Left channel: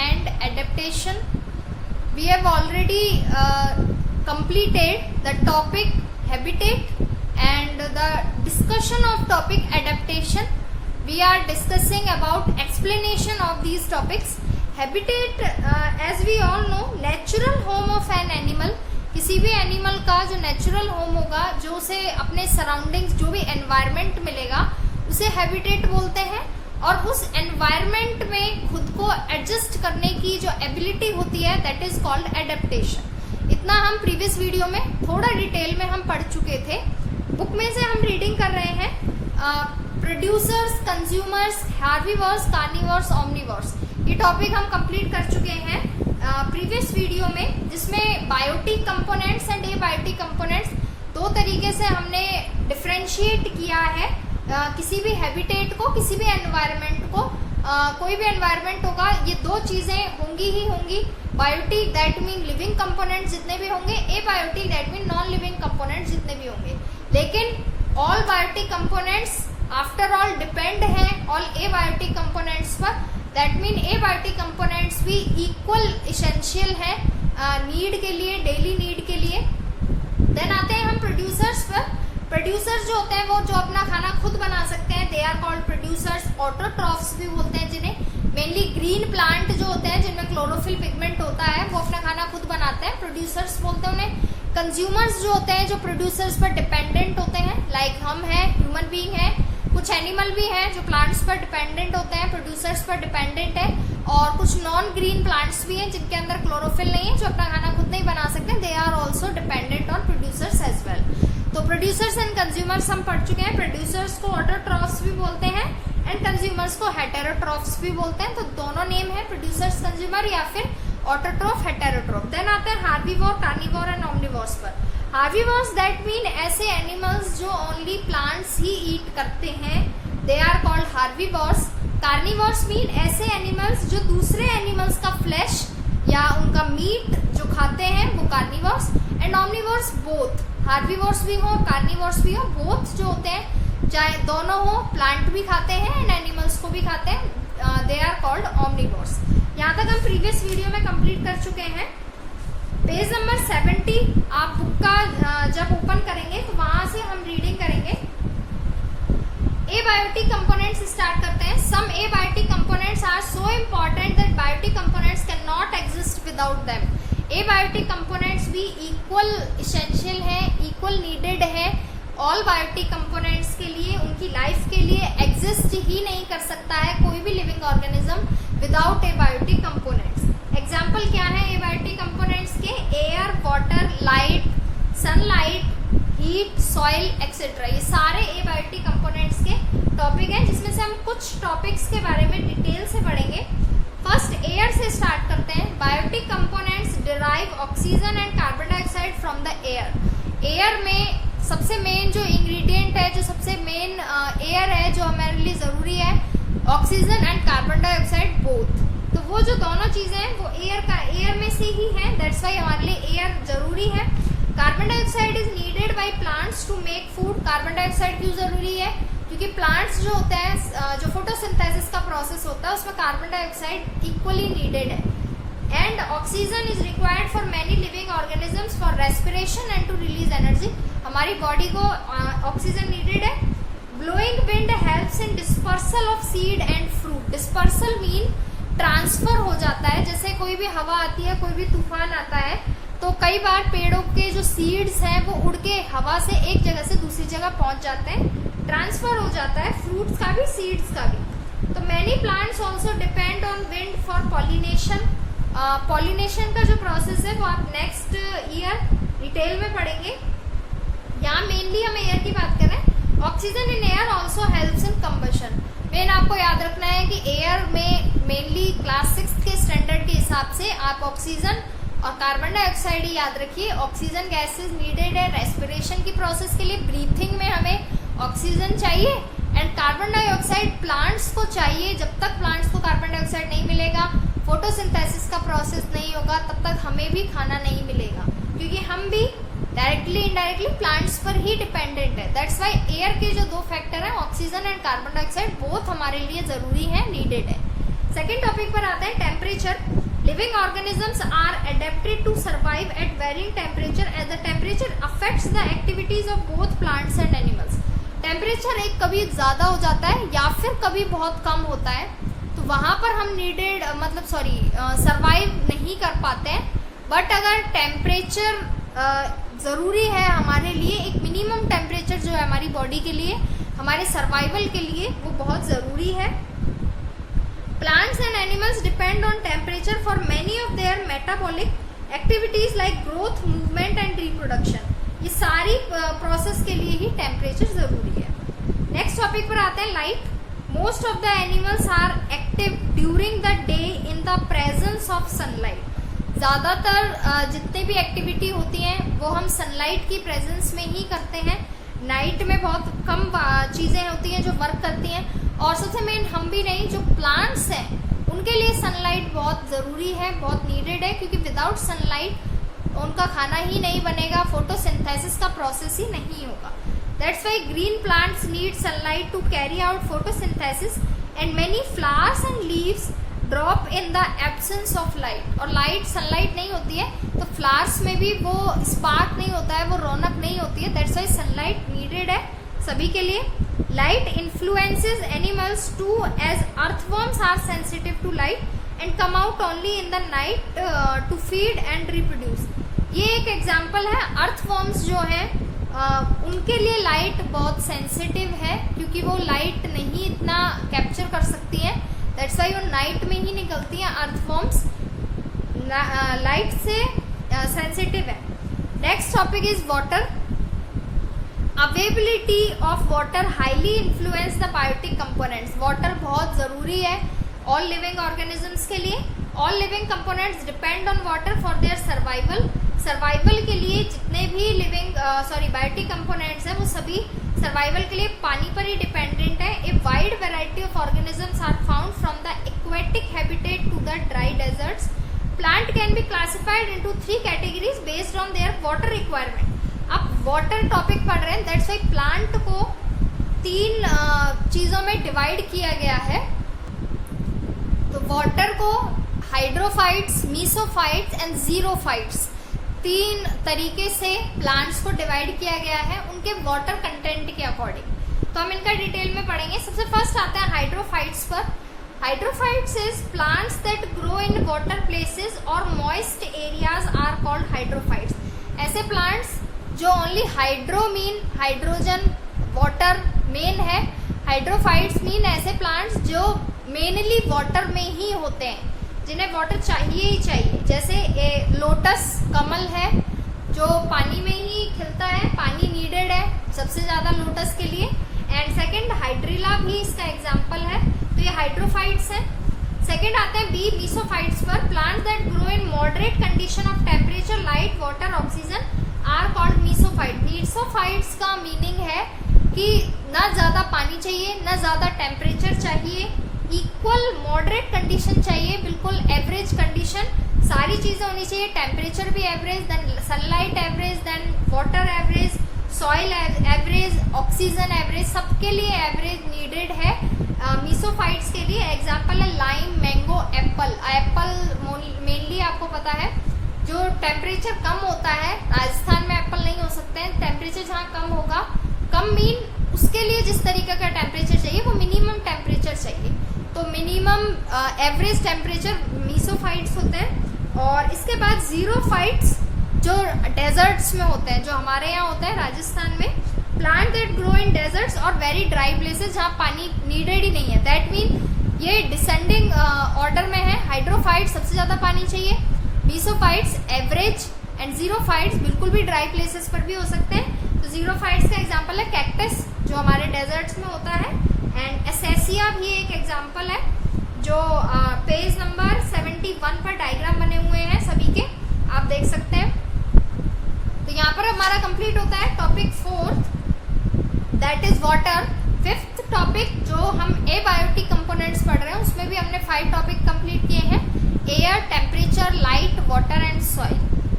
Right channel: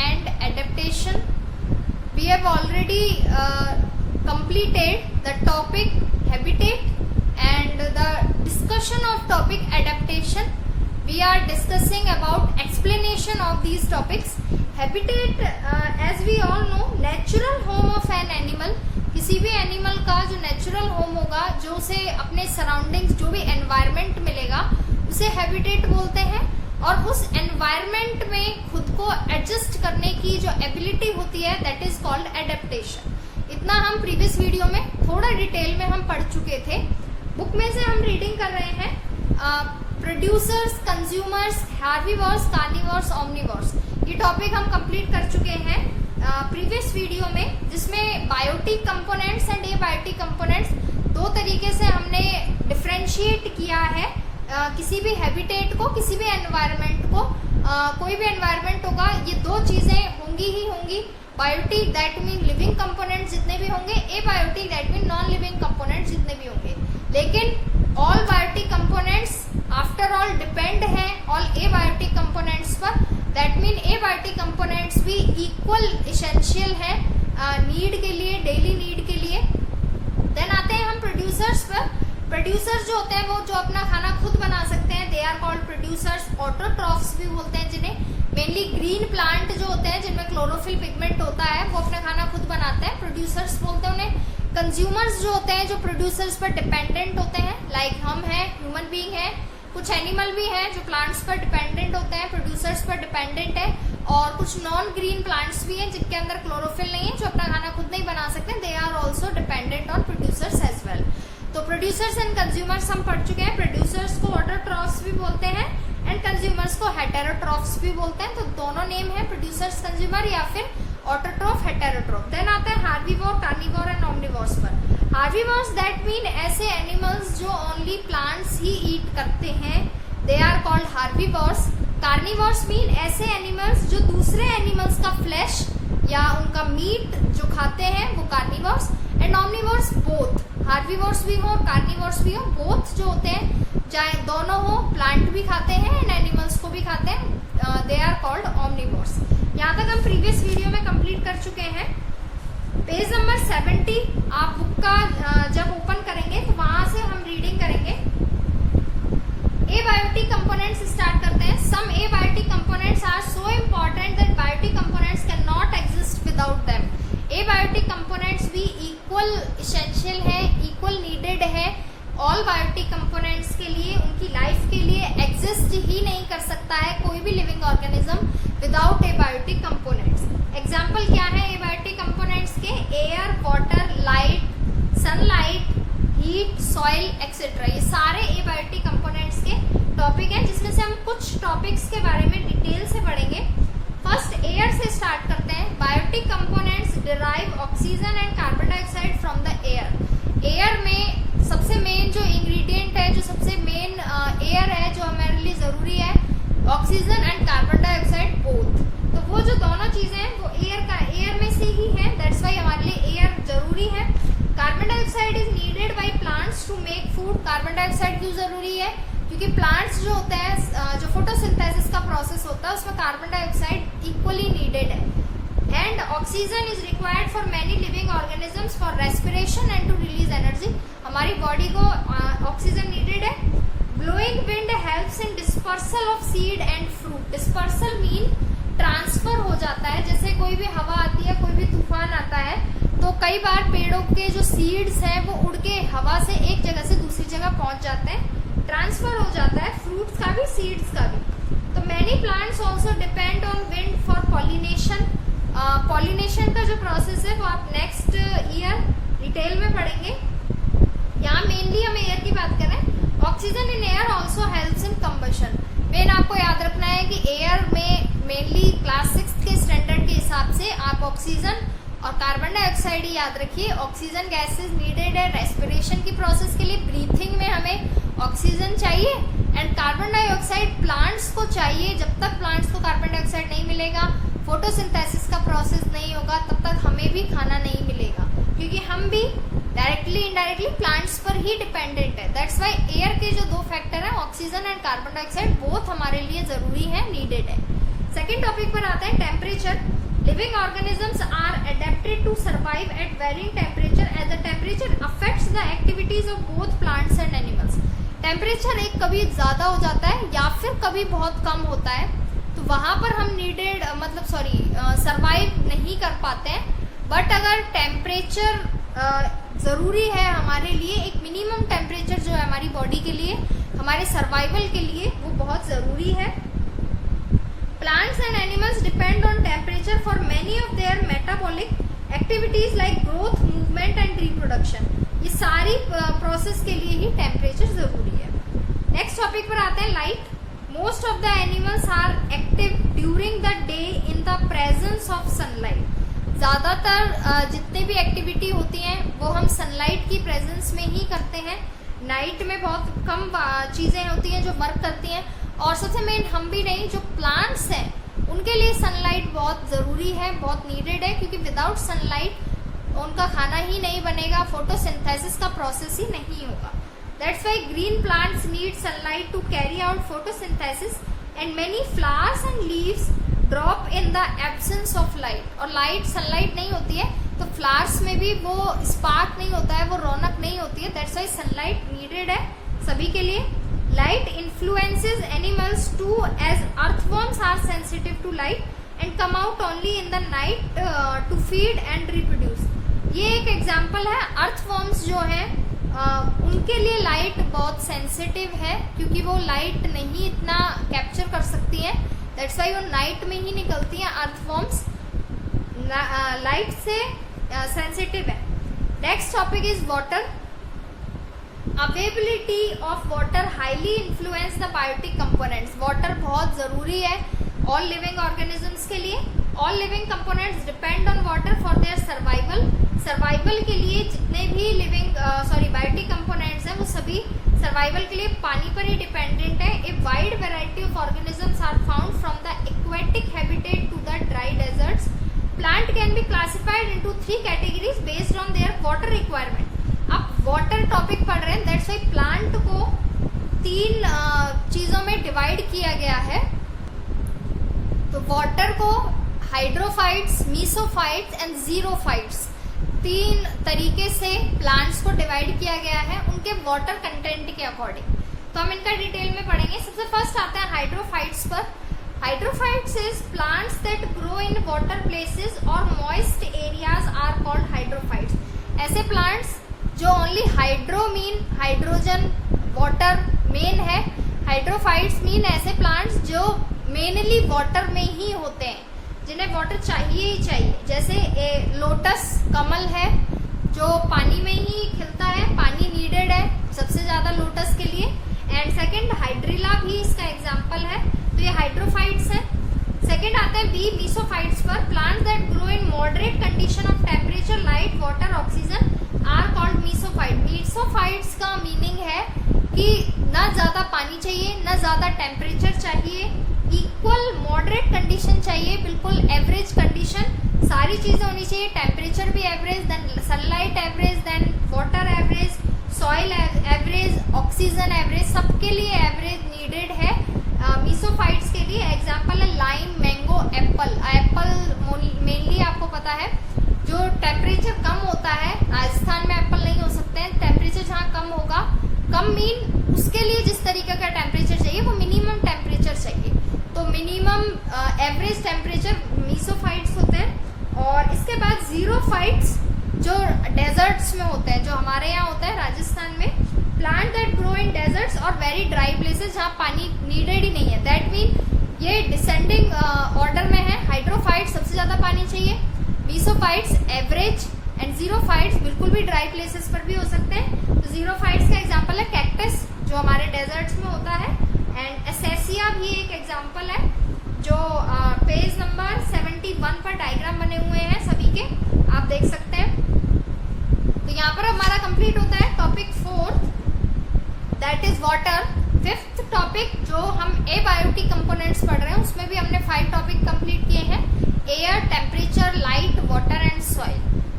and adaptation. We have already completed the topic habitat and the discussion of topic adaptation. We are discussing about explanation of these topics. Habitat, as we all know, natural home of an animal. किसी भी animal का जो natural home होगा, जो उसे अपने surroundings, जो भी एनवायरमेंट मिलेगा, उसे हैबिटेट बोलते हैं. और उस एनवायरमेंट में खुद को एडजस्ट करने की जो एबिलिटी होती है, दैट इज कॉल्ड एडेप्टेशन. इतना हम प्रीवियस वीडियो में थोड़ा डिटेल में हम पढ़ चुके थे. बुक में से हम रीडिंग कर रहे हैं producers, consumers, herbivores, carnivores, omnivores. ये टॉपिक हम कंप्लीट कर चुके हैं प्रीवियस वीडियो में, जिसमें biotic components and abiotic components दो तरीके से हमने डिफरेंशिएट किया है. किसी भी हैबिटेट को, किसी भी एनवायरनमेंट को, कोई भी एनवायरनमेंट होगा, ये दो चीजें होंगी ही होंगी. Biotic that mean living component जितने भी होंगे, abiotic that mean non living component जितने भी होंगे. लेकिन all biotic components after all depend है ऑल एबायोटिक कंपोनेंट्स पर. दैट मीन एबायोटिक कंपोनेंट्स भी इक्वल इसेंशियल है नीड के लिए, डेली नीड के लिए. देन आते हैं हम प्रोड्यूसर्स पर. प्रोड्यूसर्स जो होते हैं वो जो अपना खाना खुद बना सकते हैं, they are called producers. Autotrophs भी बोलते हैं जिन्हें. मेनली ग्रीन प्लांट जो होते हैं जिनमें क्लोरोफिल पिगमेंट होता है, वो अपना खाना खुद बनाते हैं, प्रोड्यूसर्स बोलते हैं उन्हें. कंज्यूमर्स जो होते हैं जो प्रोड्यूसर्स पर डिपेंडेंट होते हैं, लाइक हम हैं, ह्यूमन बीइंग है. कुछ एनिमल भी हैं जो प्लांट्स पर डिपेंडेंट होते हैं, प्रोड्यूसर्स पर डिपेंडेंट है. और कुछ नॉन ग्रीन प्लांट्स भी हैं जिनके अंदर क्लोरोफिल नहीं है, जो अपना खाना खुद नहीं बना सकते. They are also dependent on producers as well. तो प्रोड्यूसर्स एंड कंज्यूमर्स हम पढ़ चुके हैं. प्रोड्यूसर्स को ऑटोट्रॉफ्स भी बोलते हैं एंड कंज्यूमर्स को हेटेरोट्रॉफ्स भी बोलते हैं. तो दोनों नेम है, प्रोड्यूसर्स, कंज्यूमर या फिर ऑटोट्रॉफ, हेटेरोट्रॉफ. देन आता है हार्बीवोर, कार्निवोर एंड ओमनिवोर्स पर. हार्बीवोर्स दैट मीन ऐसे एनिमल्स जो ओनली प्लांट्स ही ईट करते हैं, they are called herbivores. Carnivores mean ऐसे एनिमल्स जो दूसरे एनिमल्स का फ्लैश या उनका मीट जो खाते हैं, वो carnivores. And omnivores both, herbivores भी हो, कार्निवोर्स भी हो, बोथ जो होते हैं, चाहे दोनों हो, प्लांट भी खाते हैं एंड एनिमल्स को भी खाते हैं, दे आर कॉल्ड ओमनिवोर्स. यहाँ तक हम प्रीवियस वीडियो में कंप्लीट कर चुके हैं. पेज नंबर 70 आप बुक का जब ओपन करेंगे तो वहां से हम रीडिंग करेंगे. एबायोटिक कंपोनेंट्स स्टार्ट करते हैं. Some abiotic components are so important that biotic components can not exist without them. Abiotic components भी इक्वल इसेंशियल है, इक्वल नीडेड है ऑल बायोटिक कंपोनेंट्स के लिए. उनकी लाइफ के लिए एग्जिस्ट ही नहीं कर सकता है कोई भी living organism without abiotic components. Example क्या है एबायोटिक कंपोनेंट्स के? Air, water, light, sunlight, heat, soil etcetera. ये सारे एबायोटिक कंपोनेंट्स के टॉपिक हैं, जिसमें से हम कुछ टॉपिक्स के बारे में डिटेल से पढ़ेंगे. फर्स्ट एयर से स्टार्ट करते हैं. Biotic components derive oxygen and carbon dioxide from the air. Air में सबसे मेन जो इंग्रेडिएंट है, जो सबसे मेन एयर है जो हमारे लिए जरूरी है, oxygen and carbon dioxide both. तो वो जो दोनों चीजें हैं वो एयर में से ही हैं. दैट्स वाई हमारे लिए एयर जरूरी है. Carbon dioxide is needed by plants to make food. Carbon dioxide क्यों जरूरी है? क्योंकि प्लांट्स जो होता है, जो फोटोसिंथेसिस का प्रोसेस होता है, उसमें कार्बन डाइऑक्साइड इक्वली नीडेड है. And oxygen is required for many living organisms for respiration and to release energy. हमारी बॉडी को ऑक्सीजन नीडेड है. Blowing wind helps in dispersal of seed and fruit. Dispersal mean transfer हो जाता है. जैसे कोई भी हवा आती है, कोई भी तूफान आता है, तो कई बार पेड़ों के जो सीड्स हैं वो उड़ के हवा से एक जगह से दूसरी जगह पहुंच जाते हैं, ट्रांसफर हो जाता है, फ्रूट्स का भी, सीड्स का भी. तो many plants also depend on wind for pollination. Pollination का जो प्रोसेस है वो आप नेक्स्ट ईयर डिटेल में पढ़ेंगे. यहाँ मेनली हम एयर की बात कर रहे हैं. Oxygen in air also helps in combustion. Main आपको याद रखना है कि एयर में मेनली क्लास 6 के स्टैंडर्ड के हिसाब से आप ऑक्सीजन और कार्बन डाइऑक्साइड ही याद रखिए. ऑक्सीजन गैसेज नीडेड है रेस्पिरेशन की प्रोसेस के लिए. ब्रीथिंग में हमें ऑक्सीजन चाहिए एंड कार्बन डाइऑक्साइड प्लांट्स को चाहिए. जब तक प्लांट्स को कार्बन डाइऑक्साइड नहीं मिलेगा, फोटोसिंथेसिस का प्रोसेस नहीं होगा, तब तक हमें भी खाना नहीं मिलेगा, क्योंकि हम भी डायरेक्टली इनडायरेक्टली प्लांट्स पर ही डिपेंडेंट है. दैट्स व्हाई एयर के जो दो फैक्टर हैं, oxygen and carbon dioxide, both हमारे लिए जरूरी है, नीडेड है. सेकेंड टॉपिक पर आते हैं temperature. Living organisms are adapted to survive at varying temperature as the temperature affects the activities of both plants and animals. Temperature एक कभी ज्यादा हो जाता है या फिर कभी बहुत कम होता है, तो वहां पर हम सर्वाइव नहीं कर पाते हैं। बट अगर टेम्परेचर जरूरी है हमारे लिए, एक मिनिमम टेम्परेचर जो है हमारी बॉडी के लिए, हमारे सर्वाइवल के लिए, वो बहुत जरूरी है। Plants and animals depend on temperature for many of their metabolic activities like growth, movement and reproduction. ये सारी प्रोसेस के लिए ही टेम्परेचर जरूरी है। नेक्स्ट टॉपिक पर आते हैं light. Most of the animals are active during the day in the presence of sunlight. ज्यादातर जितने भी एक्टिविटी होती हैं वो हम सनलाइट की प्रेजेंस में ही करते हैं। नाइट में बहुत कम चीजें होती हैं जो वर्क करती हैं, और सबसे मेन हम भी नहीं, जो प्लांट्स हैं उनके लिए सनलाइट बहुत जरूरी है, बहुत नीडेड है, क्योंकि विदाउट सनलाइट उनका खाना ही नहीं बनेगा, फोटोसिंथेसिस का प्रोसेस ही नहीं होगा। That's why green plants need sunlight to carry out photosynthesis and many flowers and leaves drop in the absence of light. और लाइट, सनलाइट नहीं होती है तो फ्लावर्स में भी वो स्पार्क नहीं होता है, वो रौनक नहीं होती है। दैट्स व्हाई सनलाइट नीडेड है सभी के लिए। Light influences animals too, as earthworms are sensitive to light and come out only in the night to feed and reproduce. ये एक एग्जाम्पल है। अर्थवर्म्स जो हैं उनके लिए लाइट बहुत सेंसिटिव है, क्योंकि वो लाइट नहीं इतना कैप्चर कर सकती हैं। दैट्स वाई वो नाइट में ही निकलती हैं। अर्थवर्म्स लाइट से सेंसिटिव है। Next topic is water. Availability of water highly influence the biotic components. Water बहुत जरूरी है ऑल लिविंग ऑर्गेनिजम्स के लिए। All living components depend on water for their survival. Survival के लिए जितने भी बायोटिक कंपोनेंट्स हैं वो सभी सर्वाइवल के लिए पानी पर ही डिपेंडेंट है। A wide variety of organisms are found from the aquatic habitat to the dry deserts. Plant can be classified into 3 categories based on their water requirement. अब वाटर टॉपिक पढ़ रहे हैं, दैट्स वाई प्लांट को 3 चीजों में divide किया गया है। तो वाटर को हाइड्रोफाइट्स, मीसोफाइट्स एंड जीरोफाइट्स, 3 तरीके से प्लांट्स को डिवाइड किया गया है उनके वाटर कंटेंट के अकॉर्डिंग। तो हम इनका डिटेल में पढ़ेंगे। सबसे फर्स्ट आते हैं हाइड्रोफाइट्स पर। Hydrophytes is plants that grow in water places और moist areas are called hydrophytes. ऐसे प्लांट्स जो only hydro mean hydrogen water मेन है। हाइड्रोफाइट्स मीन ऐसे प्लांट्स जो मेनली वाटर में ही होते हैं, जिन्हें वाटर चाहिए ही चाहिए। जैसे लोटस कमल है जो पानी में ही खिलता है, पानी नीडेड है सबसे ज्यादा लोटस के लिए। एंड सेकंड हाइड्रिला भी इसका एग्जांपल है, तो ये हाइड्रोफाइट्स है। सेकंड आते हैं बी मीसोफाइट्स पर। Plants that grow in moderate condition of temperature, light, water, oxygen are called mesophyte. Mesophytes का मीनिंग है कि ना ज्यादा पानी चाहिए, ना ज्यादा टेम्परेचर चाहिए, इक्वल मॉडरेट कंडीशन चाहिए, बिल्कुल एवरेज कंडीशन, सारी चीजें होनी चाहिए। टेम्परेचर भी average, then sunlight average, then water average, soil average, oxygen average, सबके लिए एवरेज नीडेड है मीसोफाइट्स के लिए। एग्जाम्पल है lime, mango, Apple. Apple mainly आपको पता है जो टेम्परेचर कम होता है, राजस्थान में एप्पल नहीं हो सकते हैं। टेम्परेचर जहाँ कम होगा, कम मीन उसके लिए जिस तरीके का टेम्परेचर चाहिए वो मिनिमम टेम्परेचर चाहिए। तो मिनिमम एवरेज टेम्परेचर मीसोफाइट्स होते हैं। और इसके बाद जीरोफाइट्स जो डेजर्ट्स में होते हैं, जो हमारे यहाँ होता है राजस्थान में। Plant that grow in desserts और वेरी ड्राई प्लेसेस जहाँ पानी नीडेड ही नहीं है। दैट मीन ये डिसेंडिंग ऑर्डर में है। हाइड्रोफाइट्स सबसे ज्यादा पानी चाहिए, मीसोफाइट्स एवरेज, एंड जीरोफाइट्स बिल्कुल भी ड्राई प्लेसेस पर भी हो सकते हैं। तो जीरोफाइट्स का एग्जांपल है कैक्टस जो हमारे डेजर्ट्स में होता है, एंड एसेसिया भी एक एग्जांपल है जो पेज नंबर 71 पर डायग्राम बने हुए हैं सभी के, आप देख सकते हैं। तो यहाँ पर हमारा कंप्लीट होता है topic 4th, that is water. 5th topic जो हम एबायोटिक कंपोनेंट्स पढ़ रहे हैं उसमें भी हमने 5 टॉपिक कंप्लीट किए हैं। Air, temperature, light, water and soil.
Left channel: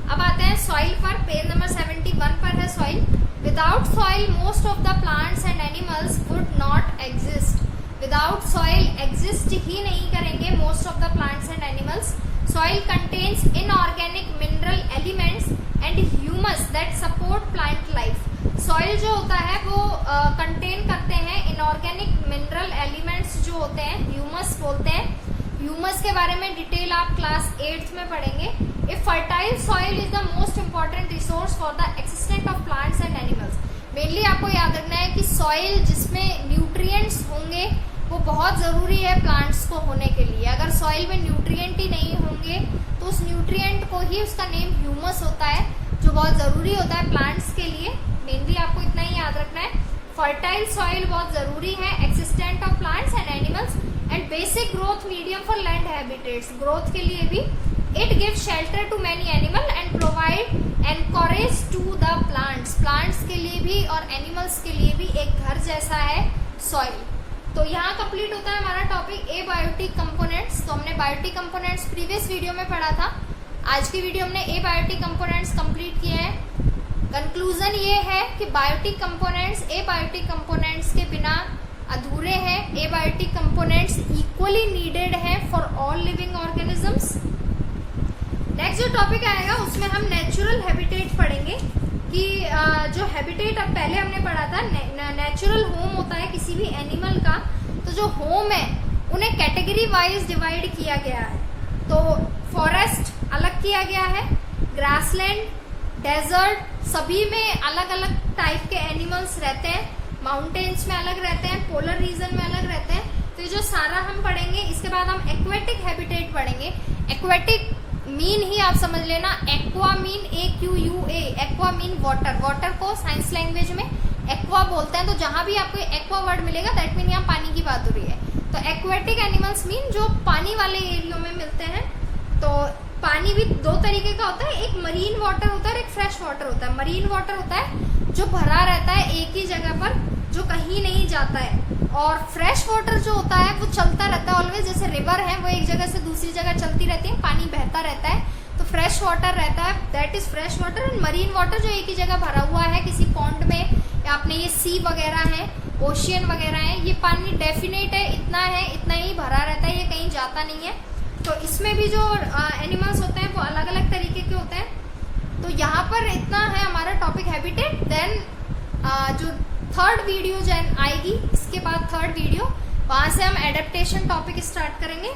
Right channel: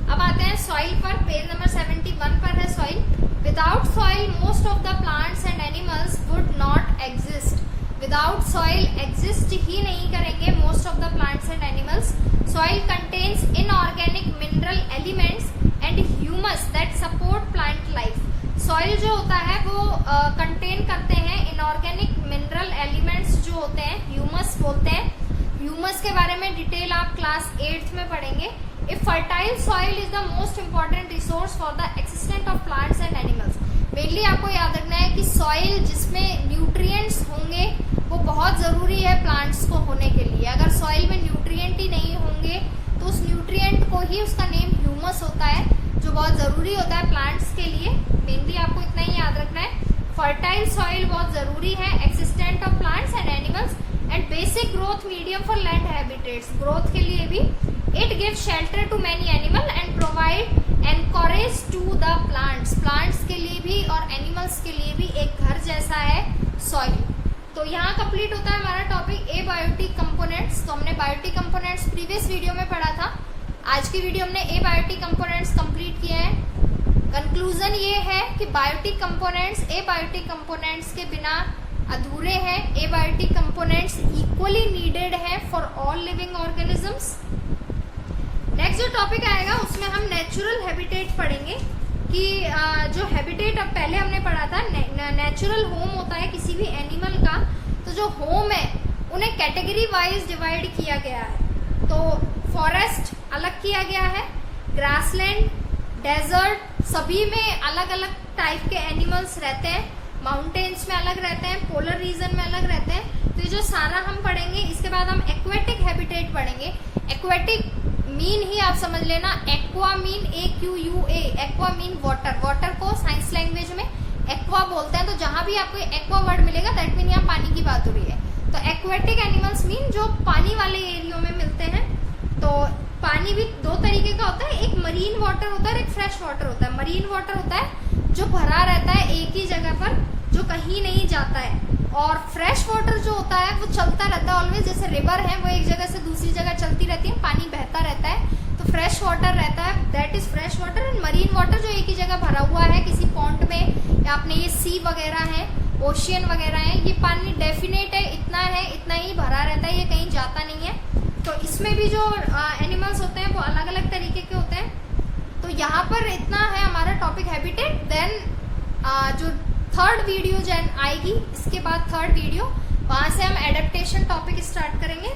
अब आते हैं सॉइल पर। पेज नंबर 71 पर है soil. Without soil most of the plants and animals would not exist. Without soil exist ही नहीं करेंगे most of the plants and animals. Soil contains inorganic mineral elements and humus that support plant life. Soil जो होता है वो contain करते हैं inorganic mineral elements जो होते हैं, ह्यूमस बोलते हैं. ह्यूमस के बारे में डिटेल आप क्लास 8th में पढ़ेंगे. A fertile soil is the most important resource for the existence of plants and animals. Mainly आपको याद रखना है कि सॉइल जिसमें न्यूट्रिएंट्स होंगे वो बहुत जरूरी है प्लांट्स को होने के लिए. अगर सॉइल में न्यूट्रिएंट ही नहीं होंगे तो उस न्यूट्रिएंट को ही उसका नेम ह्यूमस होता है, जो बहुत जरूरी होता है प्लांट्स के लिए. मेनली आपको इतना ही याद रखना है. फर्टाइल सॉइल बहुत जरूरी है existent of plants and animals and basic growth medium for land habitats. Growth के लिए भी it give shelter to many animal and provide anchorage to the plants. Plants के लिए भी और एनिमल्स के लिए भी एक घर जैसा है सॉइल. तो यहाँ कंप्लीट होता है हमारा टॉपिक एबायोटिक कंपोनेंट्स. तो हमने बायोटिक कंपोनेंट्स प्रीवियस वीडियो में पढ़ा था. आज की वीडियो हमने एबायोटिक कंपोनेंट्स कंप्लीट किए हैं. कंक्लूजन ये है कि बायोटिक कंपोनेंट्स एबायोटिक कंपोनेंट्स के बिना अधूरे हैं. एबायोटिक कंपोनेंट्स इक्वली नीडेड है for all living organisms. Next जो टॉपिक आएगा उसमें हम नेचुरल हैबिटेट पढ़ेंगे कि जो हैबिटेट अब पहले हमने पढ़ा था नेचुरल होम होता है किसी भी एनिमल का. तो जो होम है उन्हें कैटेगरी वाइज डिवाइड किया गया है. तो फॉरेस्ट अलग किया गया है, ग्रासलैंड, डेजर्ट सभी में अलग अलग टाइप के एनिमल्स रहते हैं. माउंटेन्स में अलग रहते हैं, पोलर रीजन में अलग रहते हैं. तो ये जो सारा हम पढ़ेंगे. इसके बाद हम एक्वेटिक हैबिटेट पढ़ेंगे. एक्वेटिक मीन ही आप समझ लेना, aqua mean AQUA, aqua mean water. Water को साइंस लैंग्वेज में एक्वा बोलते हैं. तो जहां भी आपको एक्वा वर्ड मिलेगा दैट मीन यहाँ पानी की बात हो रही है. तो एक्वेटिक एनिमल्स मीन जो पानी वाले एरियो में मिलते हैं. तो पानी भी दो तरीके का होता है, एक मरीन वाटर होता है और एक फ्रेश वाटर होता है. मरीन वाटर होता है जो भरा रहता है एक ही जगह पर, जो कहीं नहीं जाता है. और फ्रेश वाटर जो होता है वो चलता रहता है ऑलवेज. जैसे रिवर है वो एक जगह से दूसरी जगह चलती रहती है, पानी बहता रहता है. तो फ्रेश वाटर रहता है, that is fresh water. And marine water जो एक ही जगह भरा हुआ है किसी पॉन्ड में, या अपने ये सी वगैरह है, ओशियन वगैरह है, ये पानी डेफिनेट है, इतना है, इतना ही भरा रहता है, ये कहीं जाता नहीं है. तो इसमें भी जो एनिमल्स होते हैं वो अलग अलग तरीके के होते हैं. तो यहाँ पर इतना है हमारा टॉपिक हैबिटेट. देन जो थर्ड वीडियो जो आएगी इसके बाद थर्ड वीडियो, वहां से हम एडेप्टेशन टॉपिक स्टार्ट करेंगे.